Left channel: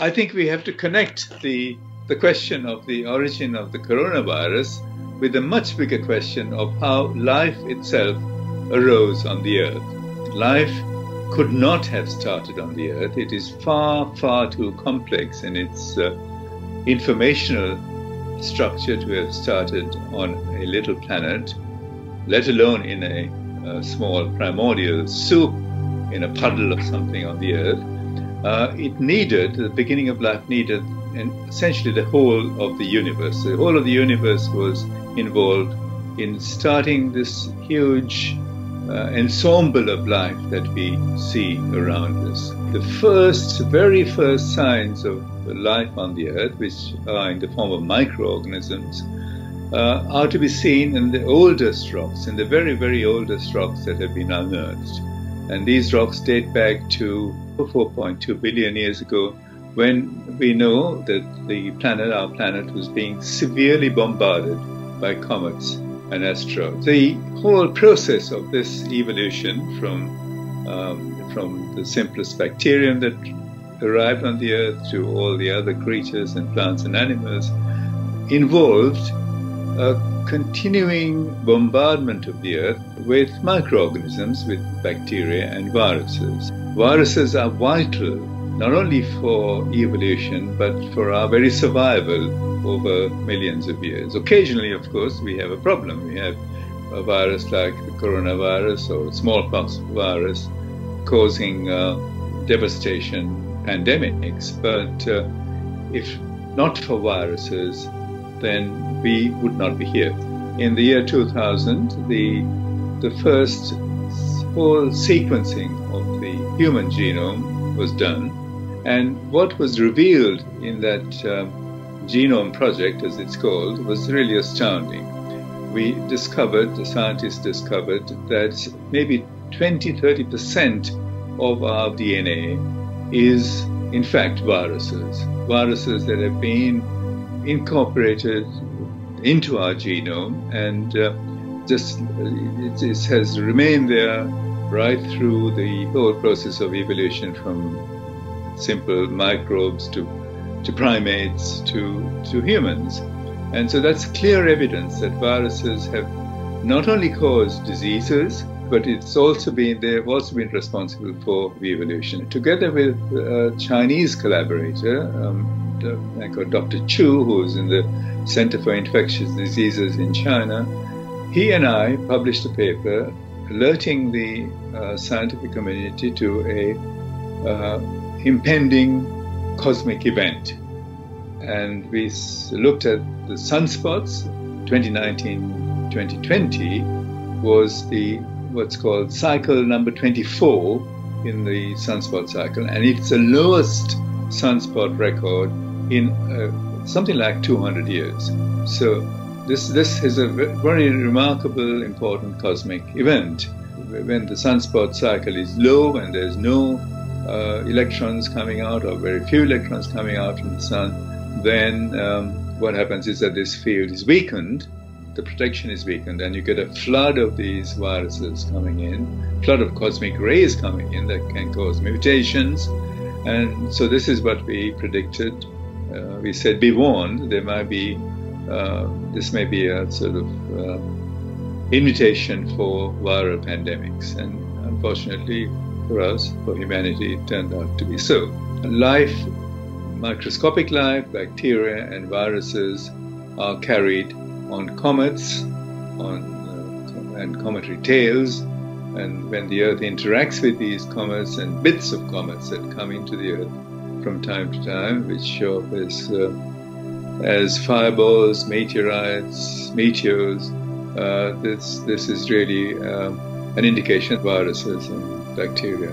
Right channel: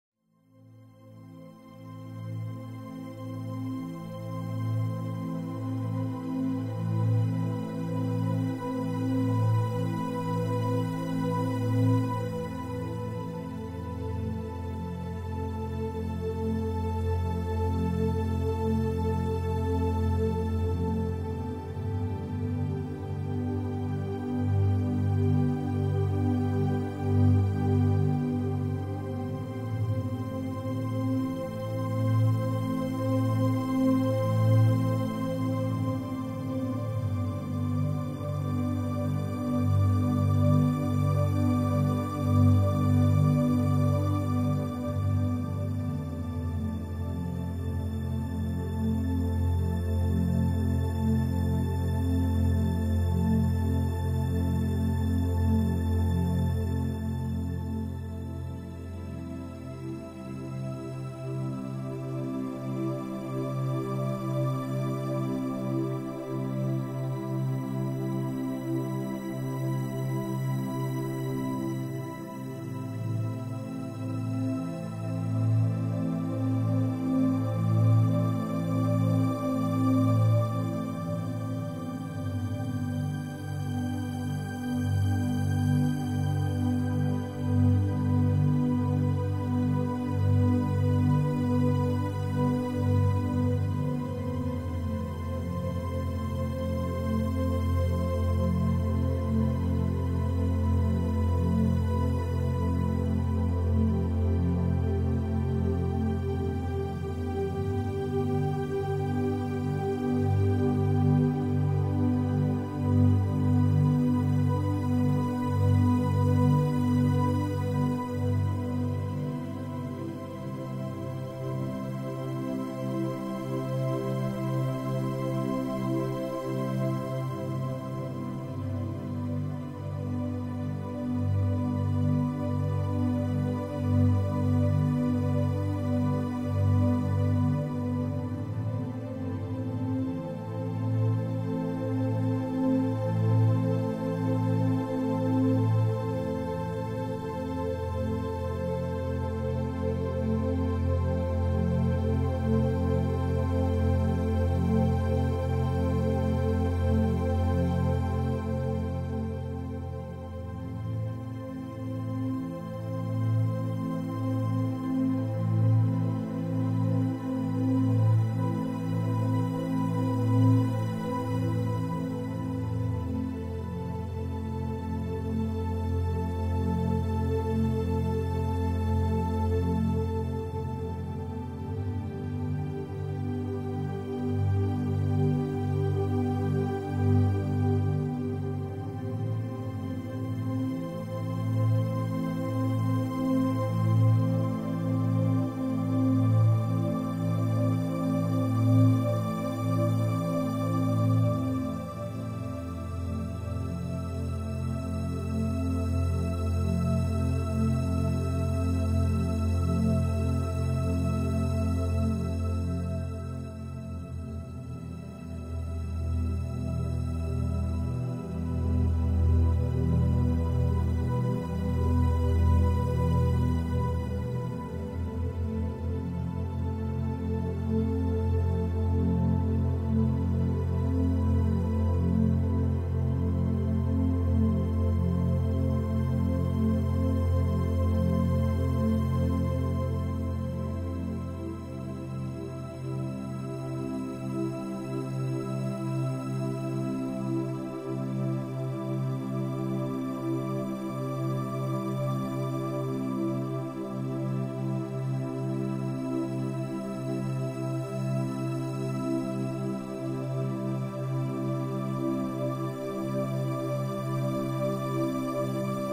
I think we have to connect the question of the origin of the coronavirus with a much bigger question of how life itself arose on the Earth. Life could not have started on the Earth. It is far, far too complex in its informational structure to have started on a little planet, let alone in a small primordial soup in a puddle or something on the Earth. The beginning of life needed essentially the whole of the universe. The whole of the universe was involved in starting this huge ensemble of life that we see around us. The very first signs of life on the Earth, which are in the form of microorganisms, are to be seen in the oldest rocks, in the very, very oldest rocks that have been unearthed. And these rocks date back to 4.2 billion years ago, when we know that our planet was being severely bombarded by comets and asteroids. The whole process of this evolution from the simplest bacterium that arrived on the Earth to all the other creatures and plants and animals involved a continuing bombardment of the Earth with microorganisms, with bacteria and viruses. Viruses are vital not only for evolution, but for our very survival over millions of years. Occasionally, of course, we have a problem. We have a virus like the coronavirus or smallpox virus causing devastation, pandemics. But if not for viruses, then we would not be here. In the year 2000, the first whole sequencing of the human genome was done. And what was revealed in that genome project, as it's called, was really astounding. The scientists discovered that maybe 20-30% of our DNA is in fact viruses that have been incorporated into our genome, and it has remained there right through the whole process of evolution, from simple microbes to primates to humans. And so that's clear evidence that viruses have not only caused diseases, but they've also been responsible for evolution. Together with a Chinese collaborator, Dr. Chu, who's in the Center for Infectious Diseases in China, he and I published a paper alerting the scientific community to a impending cosmic event. And we looked at the sunspots. 2019-2020 was what's called cycle number 24 in the sunspot cycle, and it's the lowest sunspot record in something like 200 years. So this is a very remarkable, important cosmic event. When the sunspot cycle is low and there's no electrons coming out, or very few electrons coming out from the sun, then what happens is that this field is weakened, the protection is weakened, and you get a flood of these viruses coming in, flood of cosmic rays coming in that can cause mutations. And so this is what we predicted. We said, be warned, this may be a sort of invitation for viral pandemics. And unfortunately for us, for humanity, it turned out to be so. Life, microscopic life, bacteria and viruses are carried on comets and cometary tails. And when the Earth interacts with these comets and bits of comets that come into the Earth from time to time, which show up as fireballs, meteorites, meteors, this is really an indication that viruses and bacteria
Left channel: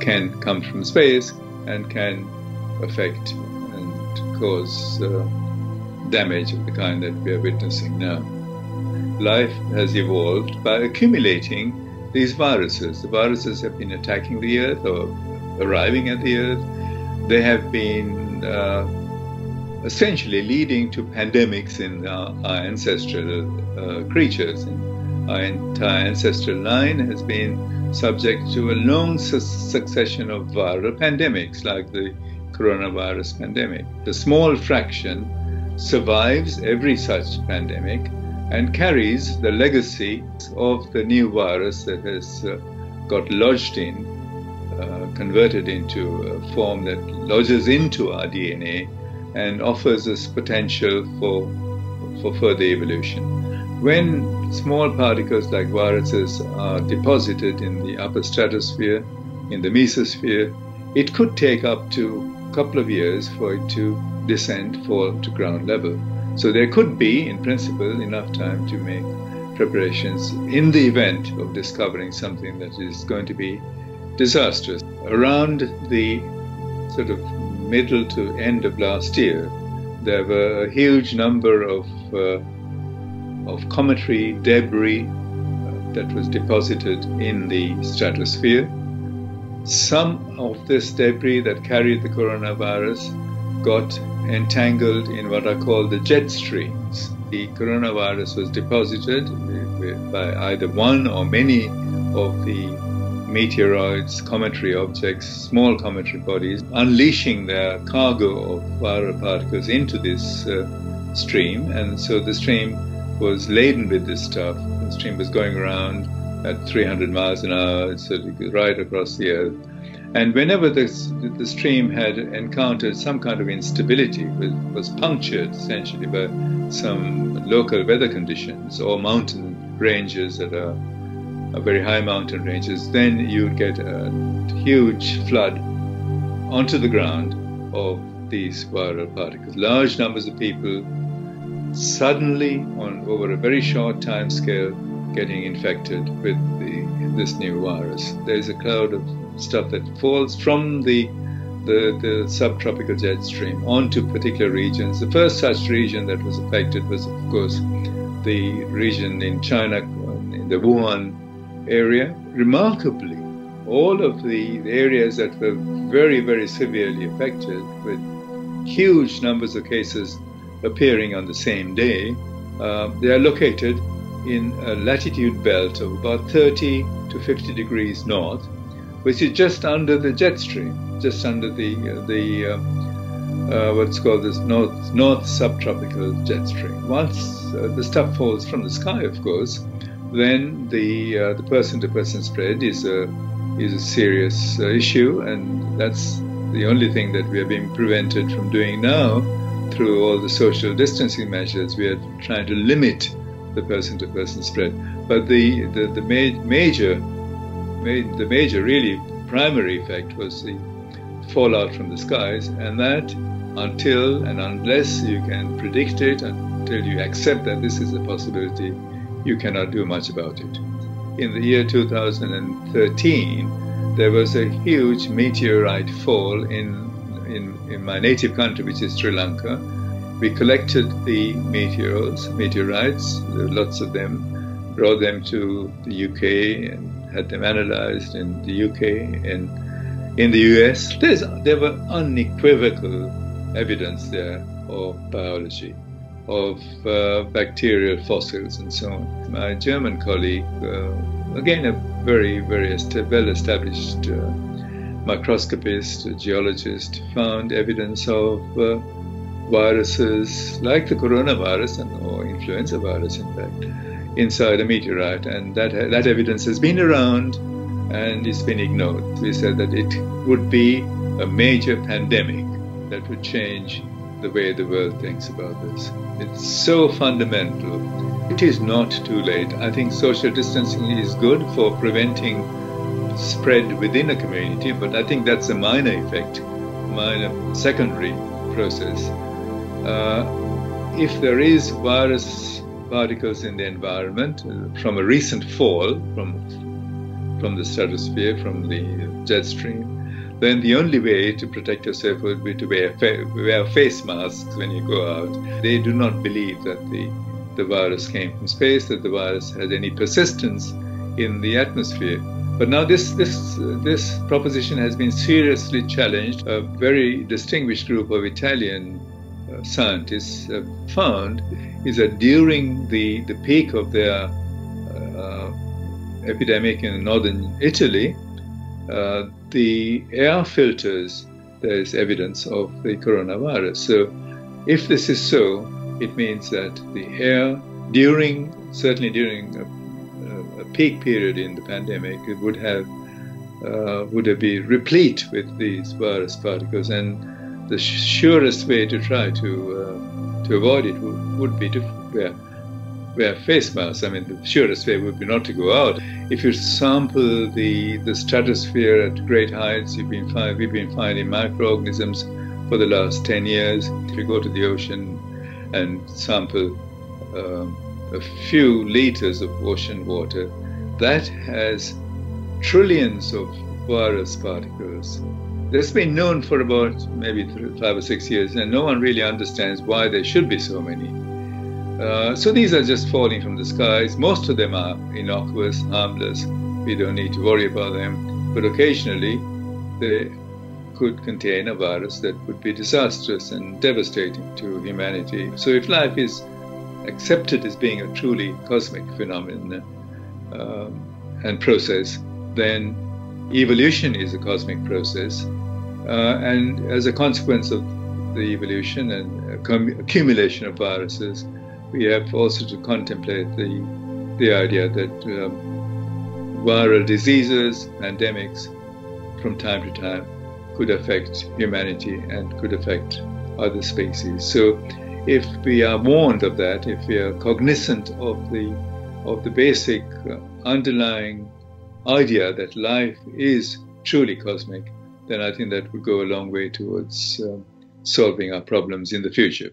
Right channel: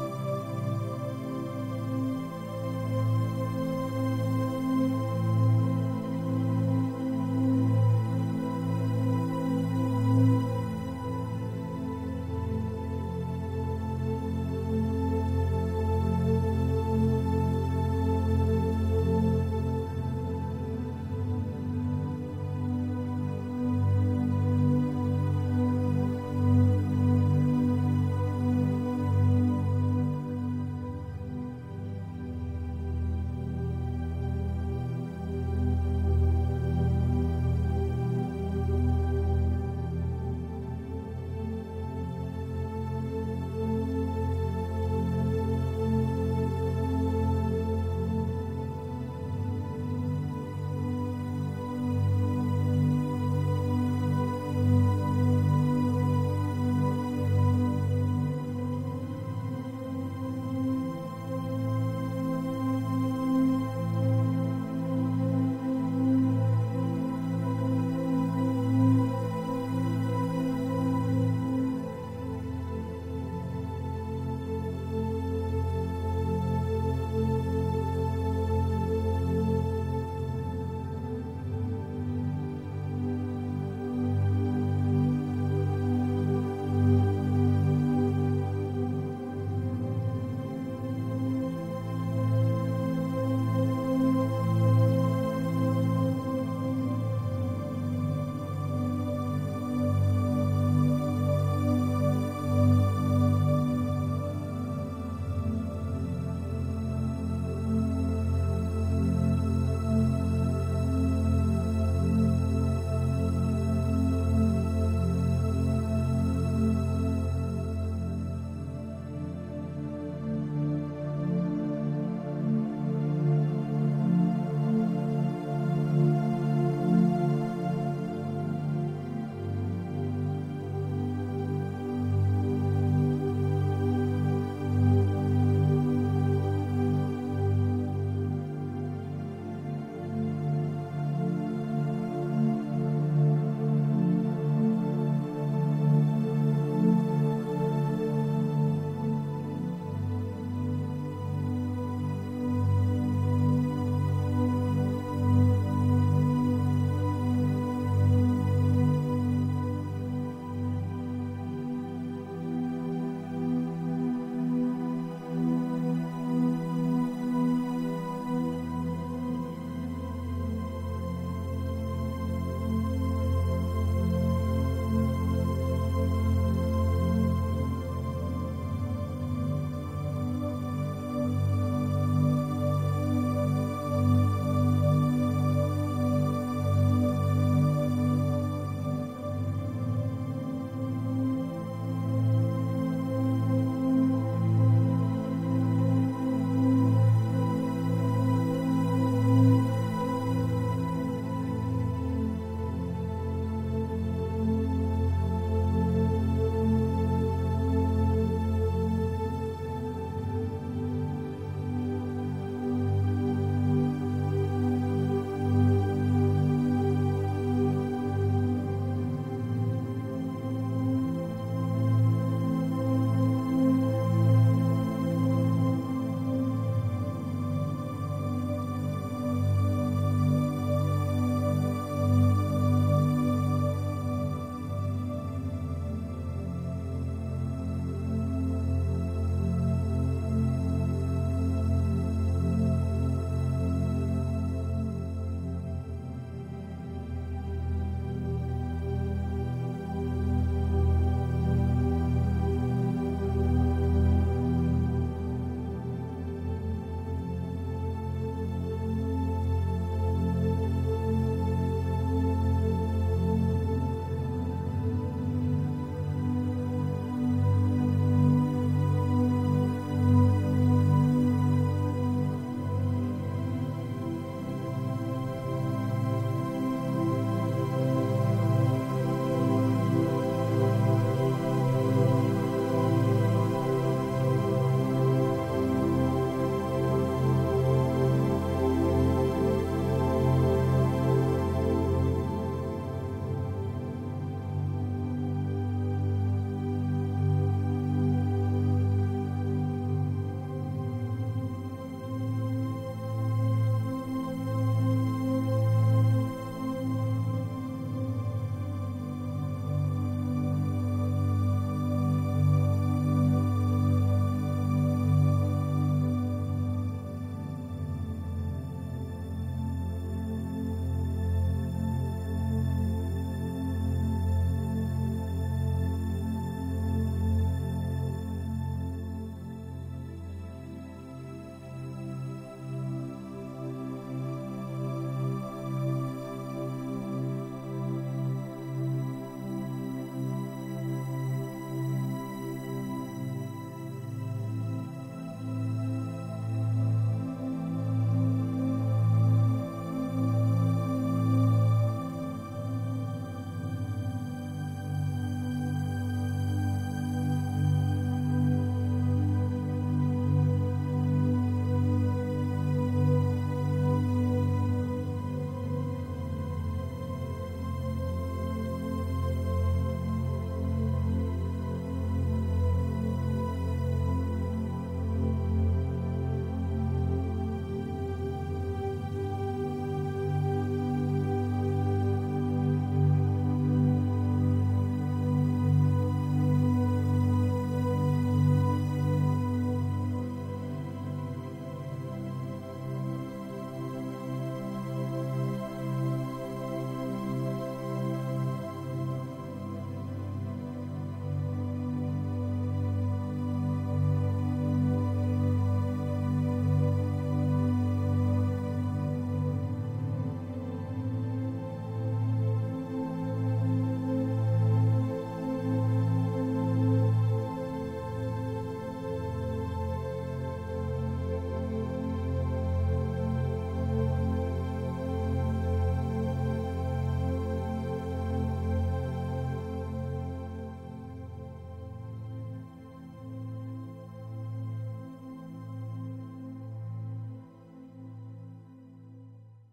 can come from space and can affect and cause damage of the kind that we are witnessing now. Life has evolved by accumulating these viruses. The viruses have been attacking the Earth or arriving at the Earth. They have been essentially leading to pandemics in our ancestral creatures. Our entire ancestral line has been subject to a long succession of viral pandemics, like the coronavirus pandemic. The small fraction survives every such pandemic and carries the legacy of the new virus that has got lodged in, converted into a form that lodges into our DNA and offers us potential for further evolution. When small particles like viruses are deposited in the upper stratosphere, in the mesosphere, it could take up to a couple of years for it to descend, fall to ground level. So there could be, in principle, enough time to make preparations in the event of discovering something that is going to be disastrous. Around the sort of middle to end of last year, there were a huge number of cometary debris that was deposited in the stratosphere. Some of this debris that carried the coronavirus got entangled in what are called the jet streams. The coronavirus was deposited by either one or many of the meteoroids, cometary objects, small cometary bodies, unleashing their cargo of viral particles into this stream. And so the stream was laden with this stuff. The stream was going around at 300 miles an hour, so right across the Earth. And whenever the stream had encountered some kind of instability, was punctured essentially by some local weather conditions or mountain ranges that are very high mountain ranges, then you would get a huge flood onto the ground of these viral particles. Large numbers of people suddenly, over a very short time scale, getting infected with this new virus. There's a cloud of stuff that falls from the subtropical jet stream onto particular regions. The first such region that was affected was, of course, the region in China, in the Wuhan area. Remarkably, all of the areas that were very, very severely affected, with huge numbers of cases appearing on the same day, they are located in a latitude belt of about 30 to 50 degrees north, which is just under the jet stream, just under the what's called this north subtropical jet stream. Once the stuff falls from the sky, of course, then the person-to-person spread is a serious issue, and that's the only thing that we are being prevented from doing now through all the social distancing measures. We are trying to limit the person-to-person spread, but the major really primary effect was the fallout from the skies, and that until and unless you can predict it, until you accept that this is a possibility, you cannot do much about it. In the year 2013, there was a huge meteorite fall in my native country, which is Sri Lanka. We collected the meteorites, lots of them, brought them to the UK and had them analyzed in the UK and in the US. There were unequivocal evidence there of biology, of bacterial fossils and so on. My German colleague, again a very, very well-established microscopist, geologist, found evidence of viruses like the coronavirus or influenza virus, in fact, inside a meteorite, and that evidence has been around and it's been ignored. We said that it would be a major pandemic that would change the way the world thinks about this. It's so fundamental. It is not too late. I think social distancing is good for preventing spread within a community, but I think that's a minor effect, minor secondary process. If there is virus particles in the environment from a recent fall from the stratosphere, from the jet stream, then the only way to protect yourself would be to wear face masks when you go out. They do not believe that the virus came from space, that the virus has any persistence in the atmosphere. But now this proposition has been seriously challenged. A very distinguished group of Italian scientists found is that during the peak of their epidemic in northern Italy, the air filters there is evidence of the coronavirus. So if this is so, it means that the air certainly during a peak period in the pandemic, it would have been replete with these virus particles, and the surest way to try to avoid it would be to wear face masks. I mean, the surest way would be not to go out. If you sample the stratosphere at great heights, we've been finding microorganisms for the last 10 years. If you go to the ocean and sample a few liters of ocean water, that has trillions of virus particles. That's been known for about maybe 5 or 6 years, and no one really understands why there should be so many. So these are just falling from the skies. Most of them are innocuous, harmless. We don't need to worry about them. But occasionally, they could contain a virus that would be disastrous and devastating to humanity. So if life is accepted as being a truly cosmic phenomenon and process, then evolution is a cosmic process. And as a consequence of the evolution and accumulation of viruses, we have also to contemplate the idea that viral diseases, pandemics, from time to time could affect humanity and could affect other species. So if we are warned of that, if we are cognizant of the basic underlying idea that life is truly cosmic, then I think that would go a long way towards solving our problems in the future.